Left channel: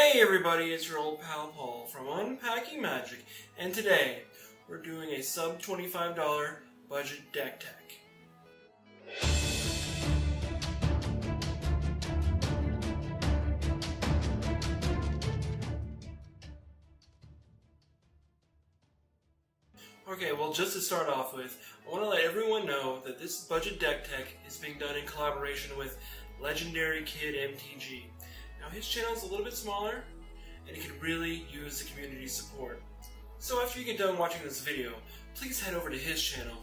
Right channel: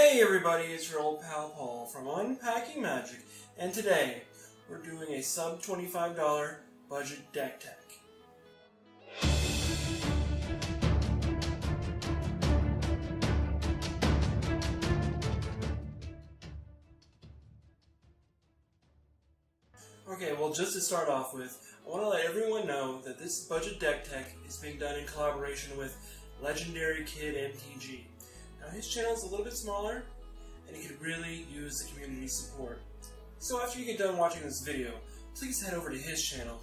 Hey everybody, it's your old pal Paul from Unpacking Magic, and today we're doing a sub $25 budget deck tech. Okay, well, just to start off with, I want to let everyone know that this budget deck tech is being done in collaboration with legendary kid MtG. Now his channel is a little bit smaller, and it could really use the community support. So after you get done watching this video, please head over to his channel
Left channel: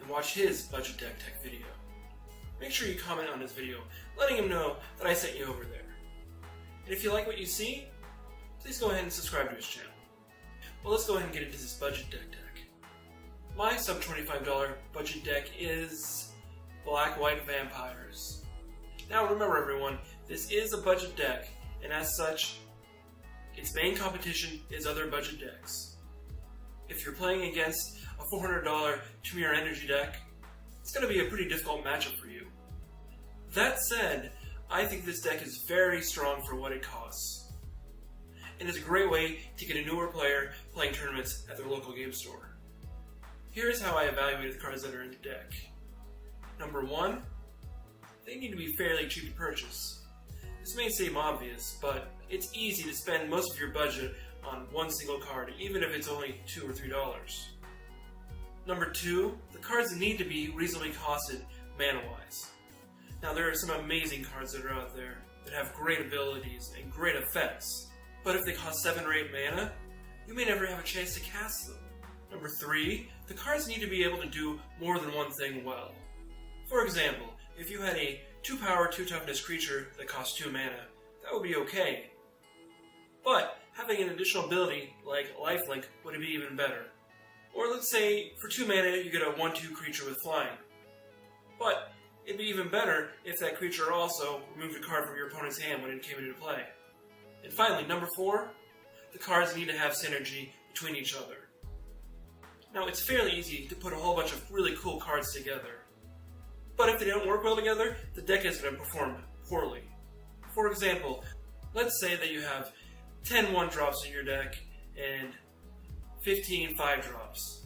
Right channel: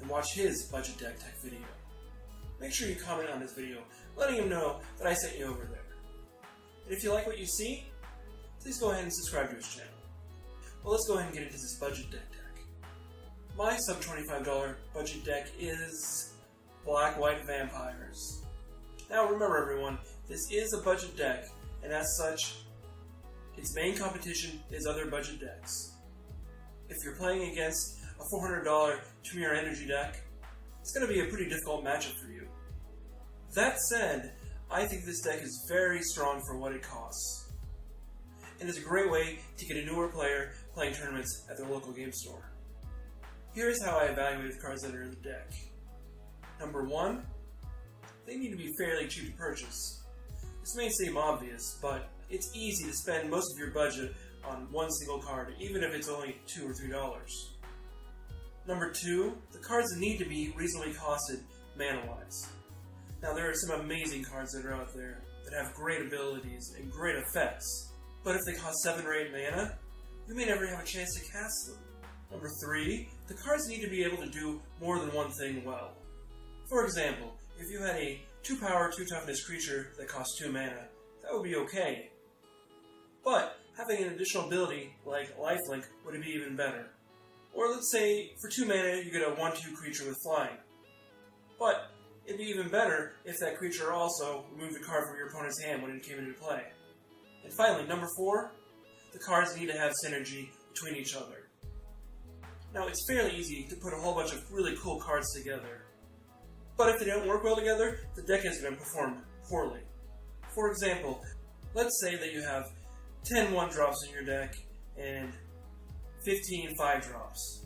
and watch his budget deck tech video. Make sure you comment on his video, letting him know that I sent you over there. And if you like what you see, please go ahead and subscribe to his channel. Well, let's go ahead and get into this budget deck tech. My sub $25 budget deck is Black-White Vampires. Now remember everyone, this is a budget deck, and as such, its main competition is other budget decks. If you're playing against a $400 Tremere Energy deck, it's going to be a pretty difficult matchup for you. That said, I think this deck is very strong for what it costs, and is a great way to get a newer player playing tournaments at their local game store. Here's how I evaluated the cards that are in the deck. Number 1, they need to be fairly cheap to purchase. This may seem obvious, but it's easy to spend most of your budget on one single card, even if it's only $2 or $3. Number 2, the cards need to be reasonably costed mana-wise. Now there are some amazing cards that are out there that have great abilities and great effects, but if they cost 7 or 8 mana, you may never have a chance to cast them. Number 3, the cards need to be able to do more than one thing well. For example, if you had a 2 power, 2 toughness creature that costs 2 mana, that would be okay. But having an additional ability like Lifelink would be even better. Or let's say for 2 mana you get a 1/2 creature with flying. But it'd be even better if that creature also removed a card from your opponent's hand when it came into play. And finally, number 4, the cards need to have synergy between each other. Now it's fairly easy to put a whole bunch of really cool cards together. But if they don't work well together, the deck is going to perform poorly. For example, let's say that you have 10 1-drops in your deck and 15 5-drops.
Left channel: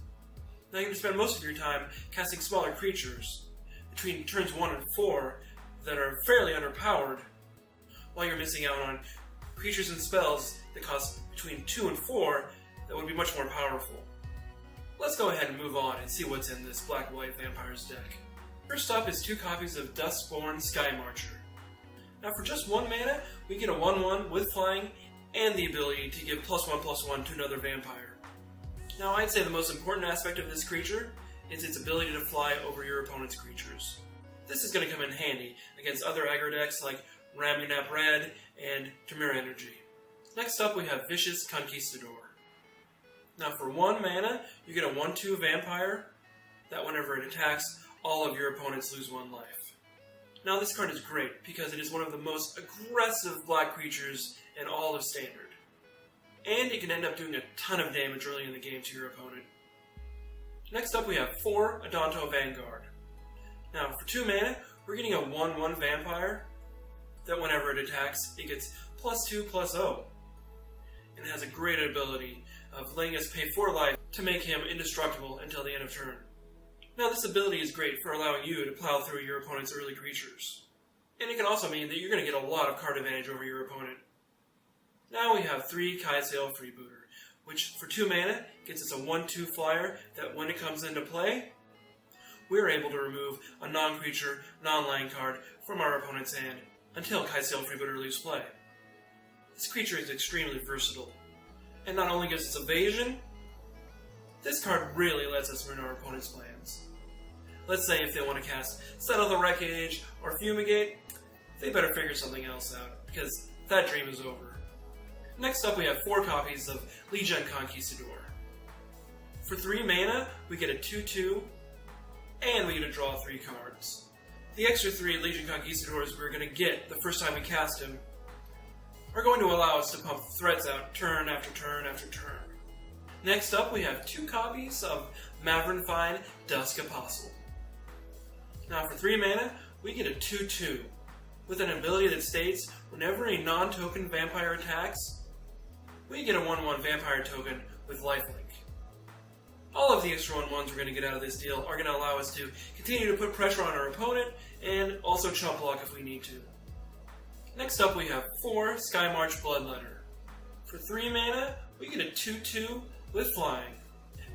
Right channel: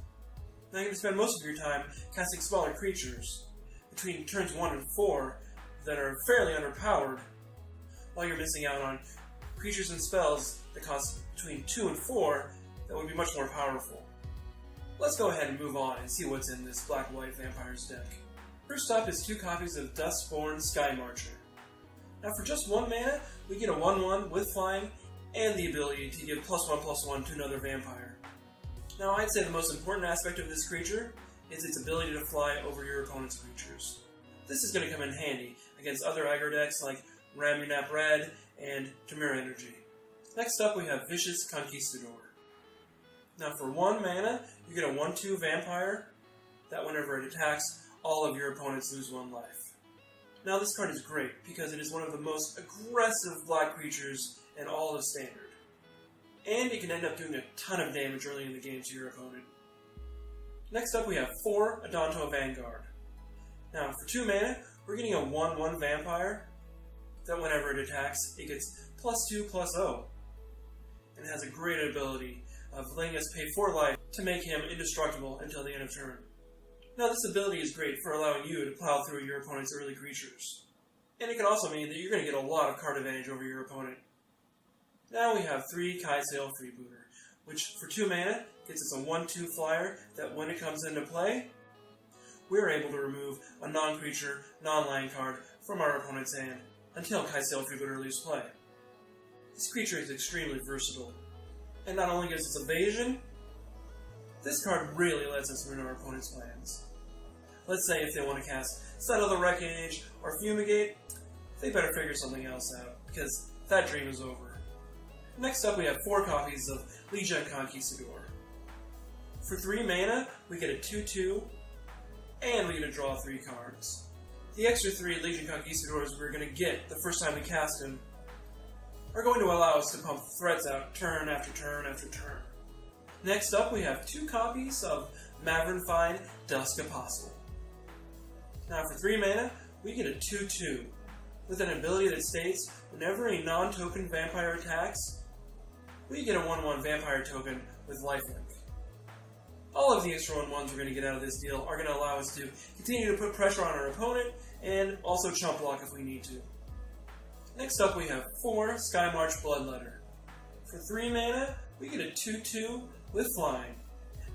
Now you're going to spend most of your time casting smaller creatures between turns 1 and 4 that are fairly underpowered, while you're missing out on creatures and spells that cost between 2 and 4 that would be much more powerful. Let's go ahead and move on and see what's in this Black-White Vampires deck. First up is 2 copies of Duskborn Sky Marcher. Now for just 1 mana, we get a 1/1 with flying and the ability to give +1/+1 to another vampire. Now I'd say the most important aspect of this creature is its ability to fly over your opponent's creatures. This is going to come in handy against other aggro decks like Ramunap Red and Tremere Energy. Next up we have Vicious Conquistador. Now for 1 mana, you get a 1/2 vampire that whenever it attacks, all of your opponents lose 1 life. Now this card is great because it is one of the most aggressive black creatures in all of Standard. And it can end up doing a ton of damage early in the game to your opponent. Next up we have 4 Adonto Vanguard. Now for 2 mana, we're getting a 1/1 vampire that whenever it attacks, it gets +2/+0. And it has a great ability of letting us pay 4 life to make him indestructible until the end of turn. Now this ability is great for allowing you to plow through your opponent's early creatures. And it can also mean that you're going to get a lot of card advantage over your opponent. Now we have 3 Kai'Sail Freebooter, which for 2 mana gets us a 1/2 flyer that when it comes into play, we're able to remove a non-creature, non-land card from our opponent's hand until Kai'Sail Freebooter leaves play. This creature is extremely versatile, and not only gives us evasion, this card really lets us ruin our opponent's plans. Let's say if they want to cast Settle the Wreckage or Fumigate, they better figure something else out, because that dream is over. Next up we have 4 copies of Legion Conquistador. For 3 mana, we get a 2/2, and we get to draw 3 cards. The extra 3 Legion Conquistadors we're going to get the first time we cast him are going to allow us to pump threats out turn after turn after turn. Next up we have 2 copies of Mavrenfine Dusk Apostle. Now for 3 mana, we get a 2/2, with an ability that states whenever a non-token vampire attacks, we get a 1/1 vampire token with lifelink. All of the extra 1/1s we're going to get out of this deal are going to allow us to continue to put pressure on our opponent and also chump block if we need to. Next up we have 4 Skymarch Bloodletter. For 3 mana, we get a 2/2 with flying.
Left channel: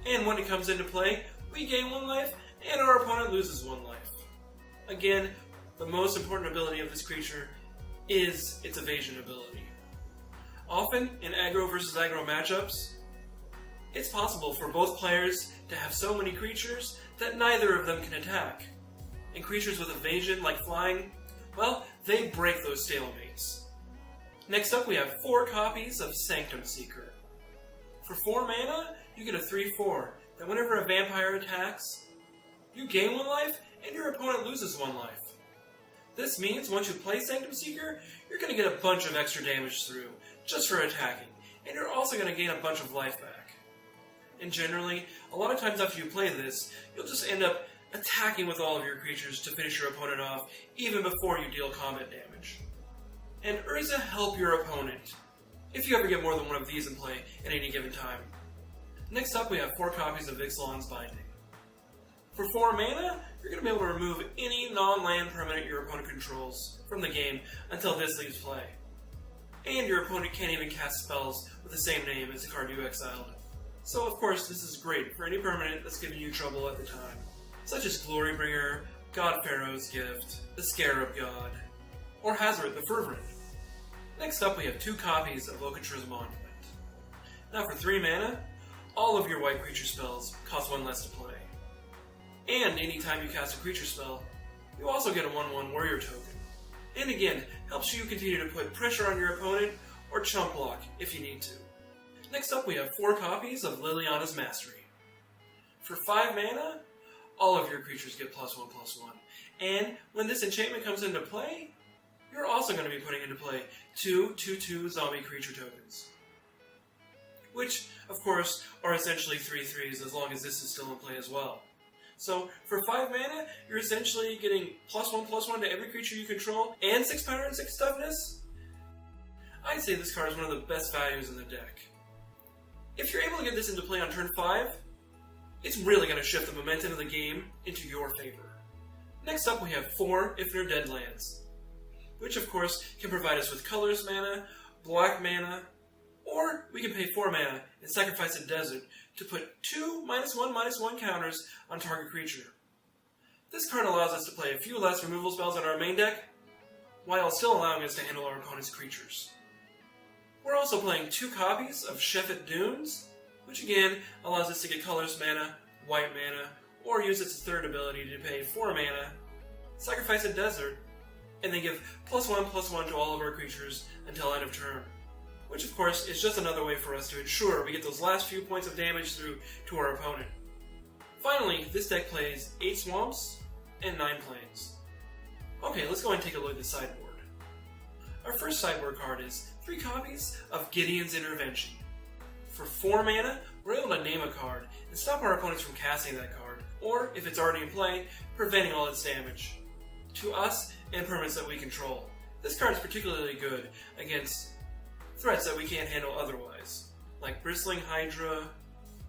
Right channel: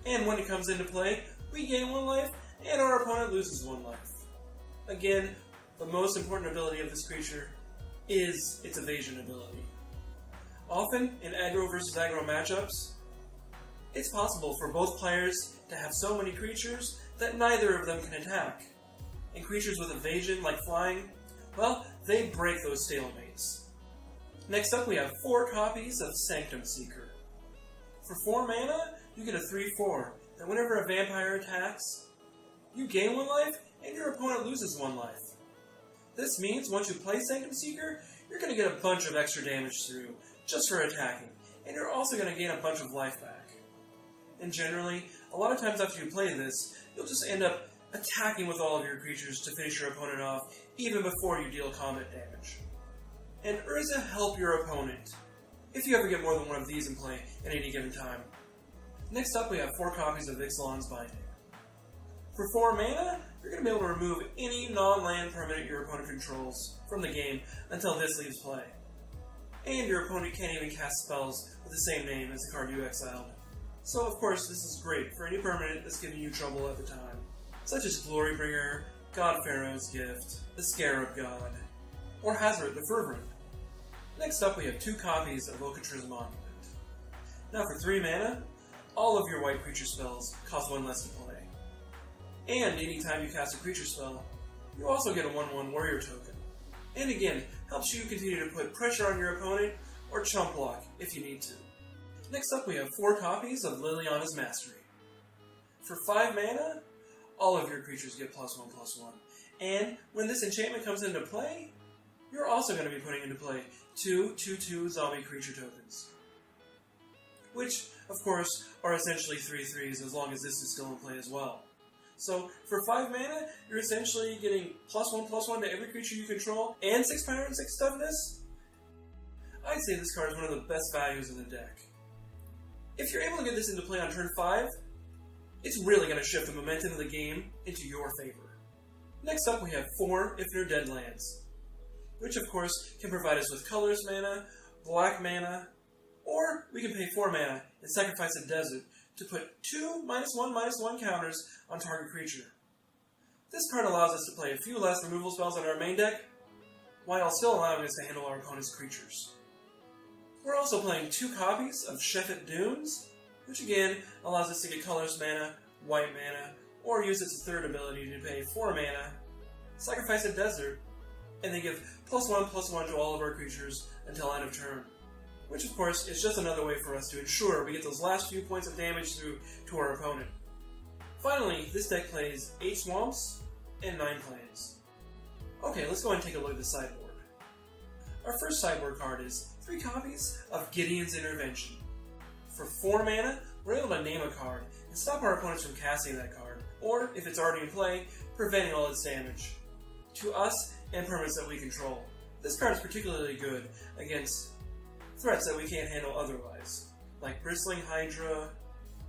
And when it comes into play, we gain 1 life and our opponent loses 1 life. Again, the most important ability of this creature is its evasion ability. Often, in aggro versus aggro matchups, it's possible for both players to have so many creatures that neither of them can attack. And creatures with evasion, like flying, well, they break those stalemates. Next up we have 4 copies of Sanctum Seeker. For 4 mana, you get a 3/4 that whenever a vampire attacks, you gain 1 life and your opponent loses 1 life. This means once you play Sanctum Seeker, you're going to get a bunch of extra damage through just for attacking, and you're also going to gain a bunch of life back. And generally, a lot of times after you play this, you'll just end up attacking with all of your creatures to finish your opponent off, even before you deal combat damage. And Urza help your opponent, if you ever get more than one of these in play at any given time. Next up we have 4 copies of Ixalan's Binding. For 4 mana, you're going to be able to remove any non-land permanent your opponent controls from the game until this leaves play. And your opponent can't even cast spells with the same name as the card you exiled. So of course this is great for any permanent that's giving you trouble at the time, such as Glorybringer, God Pharaoh's Gift, the Scarab God, or Hazoret the Fervent. Next up we have 2 copies of Okatra's Monument. Now for 3 mana, all of your white creature spells cost 1 less to play. And anytime you cast a creature spell, you also get a 1/1 warrior token. And again, helps you continue to put pressure on your opponent or chump block if you need to. Next up we have 4 copies of Liliana's Mastery. For 5 mana, all of your creatures get +1/+1. And when this enchantment comes into play, you're also going to be putting into play 2 2/2 zombie creature tokens. Which, of course, are essentially 3/3s as long as this is still in play as well. So, for 5 mana, you're essentially getting +1/+1 to every creature you control, and 6 power and 6 toughness. I'd say this card is one of the best values in the deck. If you're able to get this into play on turn 5, it's really going to shift the momentum of the game into your favor. Next up we have 4 If They're Dead lands, which of course can provide us with colorless mana, black mana, or we can pay 4 mana and sacrifice a desert to put 2 -1/-1 counters on target creature. This card allows us to play a few less removal spells on our main deck, while still allowing us to handle our opponent's creatures. We're also playing 2 copies of Shefet Dunes, which again allows us to get colorless mana, white mana, or use its 3rd ability to pay 4 mana, sacrifice a desert, and then give +1/+1 to all of our creatures until end of turn. Which of course is just another way for us to ensure we get those last few points of damage through to our opponent. Finally, this deck plays 8 swamps and 9 plains. Okay, let's go ahead and take a look at the sideboard. Our first sideboard card is 3 copies of Gideon's Intervention. For 4 mana, we're able to name a card and stop our opponents from casting that card, or if it's already in play, preventing all its damage to us and permanents that we control. This card is particularly good against threats that we can't handle otherwise, like Bristling Hydra,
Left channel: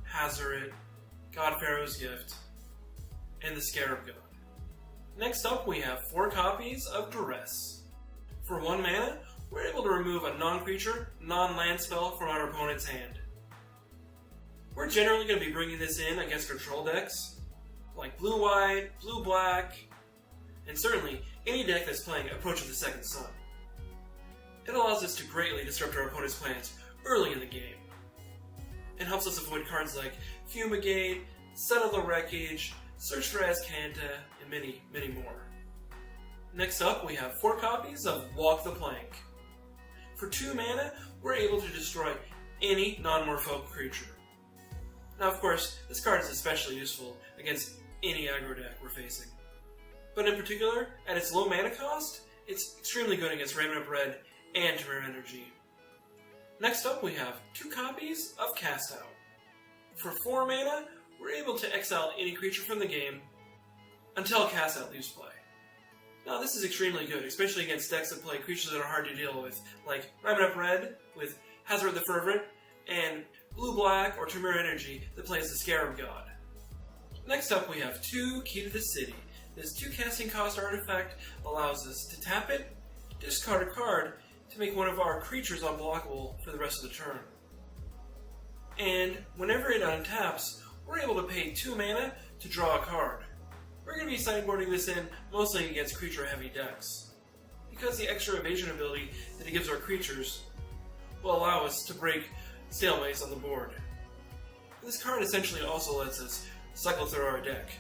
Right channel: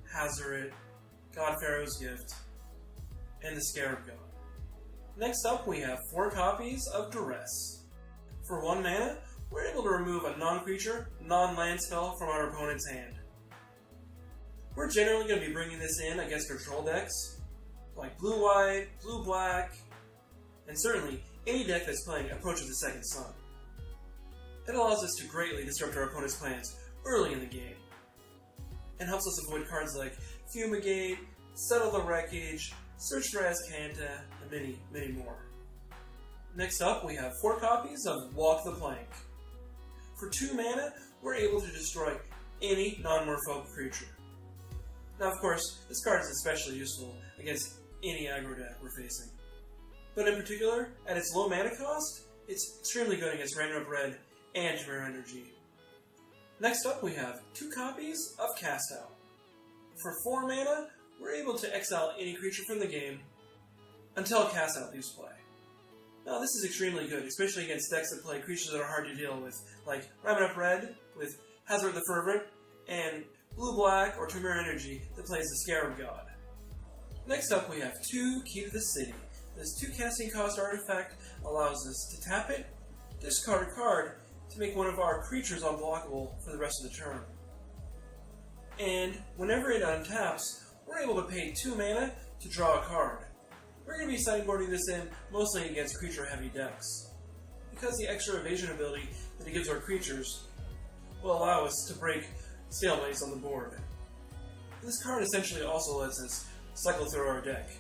Hazoret, God Pharaoh's Gift, and the Scarab God. Next up we have 4 copies of Duress. For 1 mana, we're able to remove a non-creature, non-land spell from our opponent's hand. We're generally going to be bringing this in against control decks, like blue-white, blue-black, and certainly any deck that's playing Approach of the Second Sun. It allows us to greatly disrupt our opponent's plans early in the game, and helps us avoid cards like Fumigate, Settle the Wreckage, Search for Azcanta, and many, many more. Next up, we have 4 copies of Walk the Plank. For 2 mana, we're able to destroy any non-merfolk creature. Now of course, this card is especially useful against any aggro deck we're facing. But in particular, at its low mana cost, it's extremely good against Raven Up Red and Temeraire Energy. Next up we have 2 copies of Cast Out. For 4 mana, we're able to exile any creature from the game until Cast Out leaves play. Now this is extremely good, especially against decks that play creatures that are hard to deal with, like Rabbit Up Red with Hazard the Fervent, and Blue-Black or Tremor Energy that plays the Scarab God. Next up we have 2 Key to the City. This 2 casting cost artifact allows us to tap it, discard a card, to make one of our creatures unblockable for the rest of the turn. And whenever it untaps, we're able to pay 2 mana to draw a card. We're going to be sideboarding this in mostly against creature-heavy decks, because the extra evasion ability that it gives our creatures will allow us to break stalemates on the board. This card essentially also lets us cycle through our deck,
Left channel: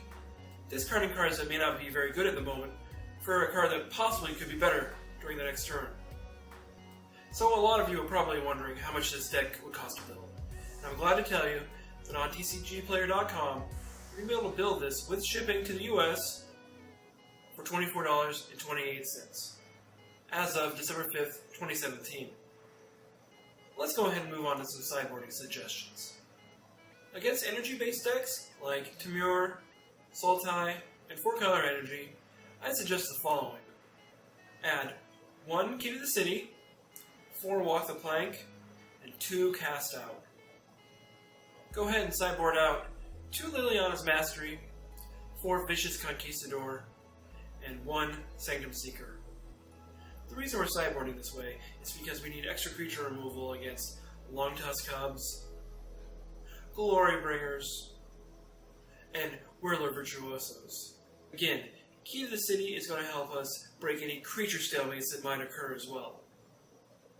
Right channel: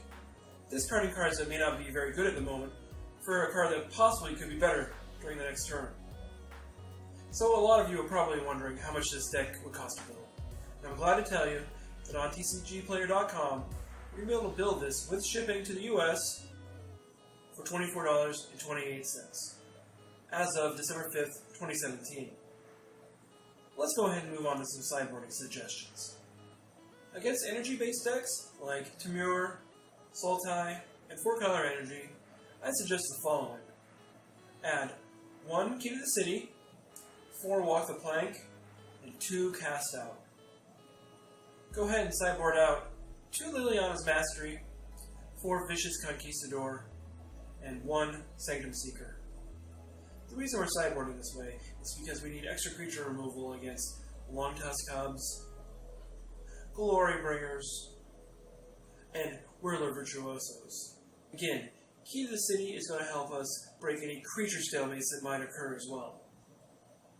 discarding cards that may not be very good at the moment for a card that possibly could be better during the next turn. So a lot of you are probably wondering how much this deck would cost to build. And I'm glad to tell you that on TCGplayer.com, you're going to be able to build this with shipping to the US for $24.28 as of December 5th, 2017. Let's go ahead and move on to some sideboarding suggestions. Against energy-based decks like Temur, Sultai, and 4-color energy, I'd suggest the following. Add 1 Key to the City, 4 Walk the Plank, and 2 Cast Out. Go ahead and sideboard out 2 Liliana's Mastery, 4 Vicious Conquistador, and 1 Sanctum Seeker. The reason we're sideboarding this way is because we need extra creature removal against Longtusk Cubs, Glory Bringers, and Whirler Virtuosos. Again, Key to the City is going to help us break any creature stalemates that might occur as well.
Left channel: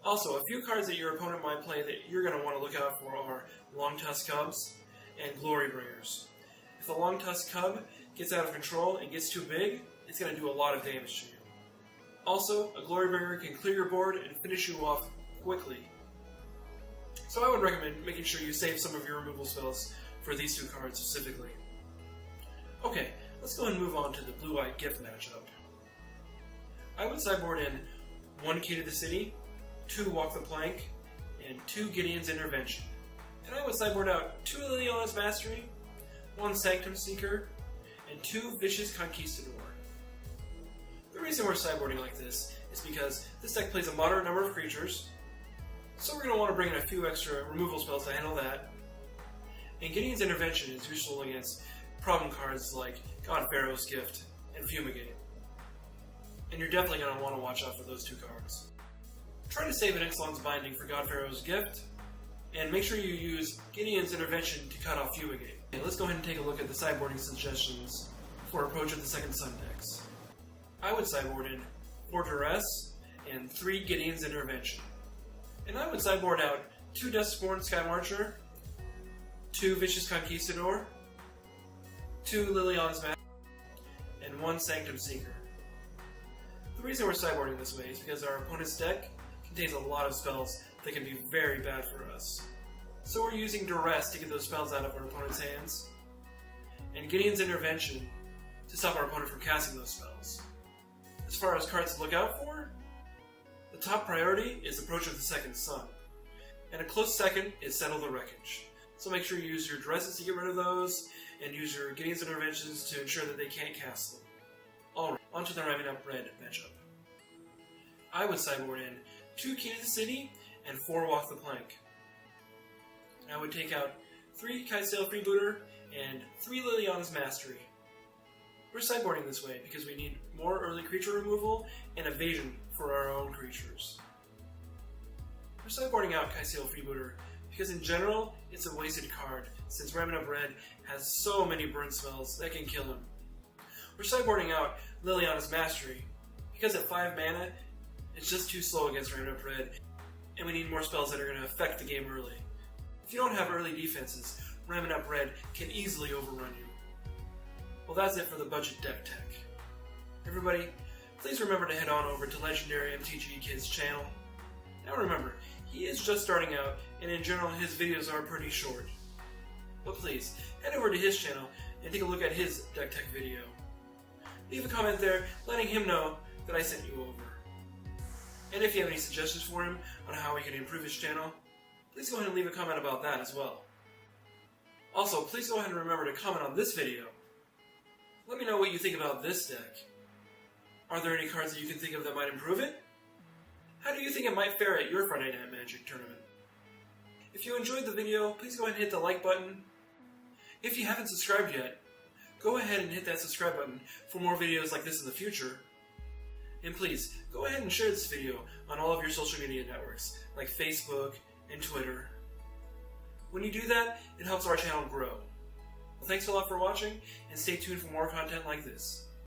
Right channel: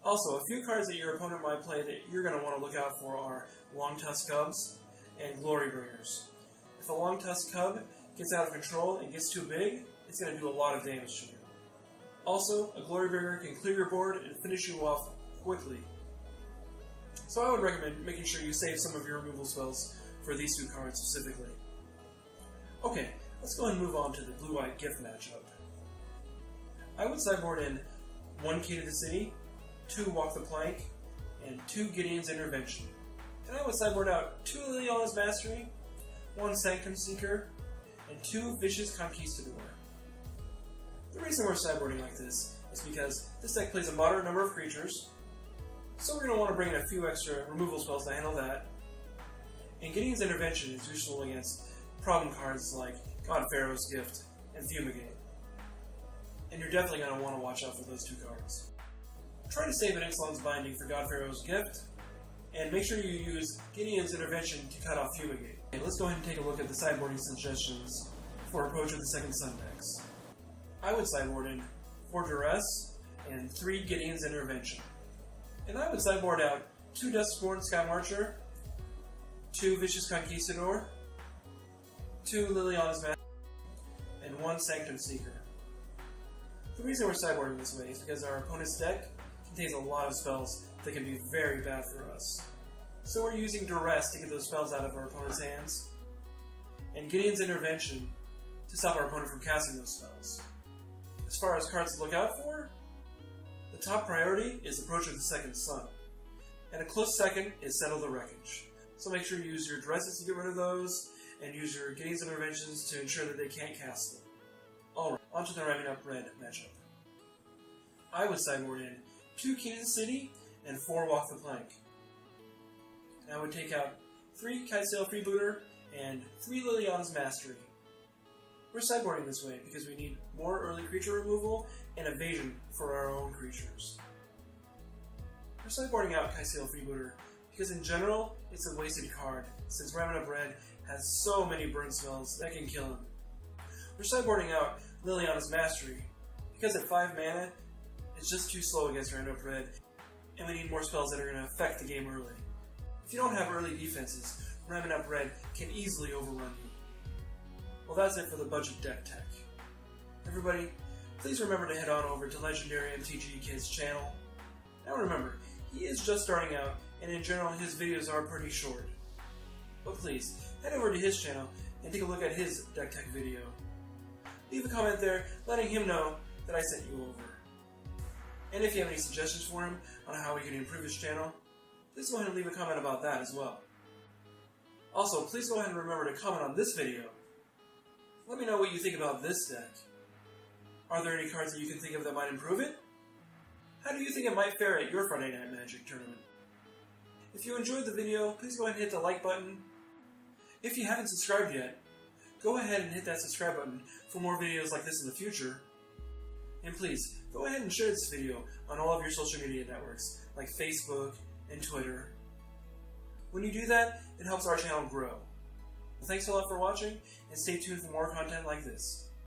Also, a few cards that your opponent might play that you're going to want to look out for are Longtusk Cubs and Glory Bringers. If a Longtusk Cub gets out of control and gets too big, it's going to do a lot of damage to you. Also, a Glory Bringer can clear your board and finish you off quickly. So I would recommend making sure you save some of your removal spells for these 2 cards specifically. Okay, let's go ahead and move on to the Blue-White Gift matchup. I would sideboard in 1 Key to the City, 2 Walk the Plank, and 2 Gideon's Intervention. And I would sideboard out 2 Liliana's Mastery, 1 Sanctum Seeker, and 2 Vicious Conquistador. The reason we're sideboarding like this is because this deck plays a moderate number of creatures, so we're going to want to bring in a few extra removal spells to handle that. And Gideon's Intervention is useful against problem cards like God Pharaoh's Gift and Fumigate. And you're definitely going to want to watch out for those 2 cards. Try to save an Ixalan's Binding for God Pharaoh's Gift, and make sure you use Gideon's Intervention to cut off Fumigate. Okay, let's go ahead and take a look at the sideboarding suggestions for Approach of the Second Sun decks. I would sideboard in 4 Duress and 3 Gideon's Intervention. And I would sideboard out 2 Duskborn Sky Marcher, 2 Vicious Conquistador, 2 Liliana's Mastery, and 1 Sanctum Seeker. The reason we're sideboarding this way is because our opponent's deck contains a lot of spells that can be very bad for us. So we're using Duress to get those spells out of our opponent's hands, and Gideon's Intervention to stop our opponent from casting those spells. As far as cards to look out for, the top priority is Approach of the Second Sun, and a close second is Settle the Wreckage. So make sure you use your Duresses to get rid of those, and use your Gideon's Interventions to ensure that they can't cast them. Alright, onto the Rabbit Up Red matchup. I would sideboard in 2 Key to the City and 4 Walk the Plank. And I would take out 3 Kitesail Freebooter and 3 Liliana's Mastery. We're sideboarding this way because we need more early creature removal and evasion for our own creatures. We're sideboarding out Kitesail Freebooter because in general, it's a wasted card since Rabbit Up Red has so many burn spells that can kill him. We're sideboarding out Liliana's Mastery because at 5 mana, it's just too slow against Rabbit Up Red, and we need more spells that are going to affect the game early. If you don't have early defenses, Rabbit Up Red can easily overrun you. Well, that's it for the budget deck tech. Everybody, please remember to head on over to Legendary MtG Kid's channel. Now remember, he is just starting out, and in general his videos are pretty short. But please, head over to his channel and take a look at his deck tech video. Leave a comment there letting him know that I sent you over. And if you have any suggestions for him on how he can improve his channel, please go ahead and leave a comment about that as well. Also, please go ahead and remember to comment on this video. Let me know what you think about this deck. Are there any cards that you can think of that might improve it? How do you think it might fare at your Friday Night Magic tournament? If you enjoyed the video, please go ahead and hit the like button. If you haven't subscribed yet, go ahead and hit that subscribe button for more videos like this in the future. And please, go ahead and share this video on all of your social media networks, like Facebook and Twitter. When you do that, it helps our channel grow. Well, thanks a lot for watching, and stay tuned for more content like this.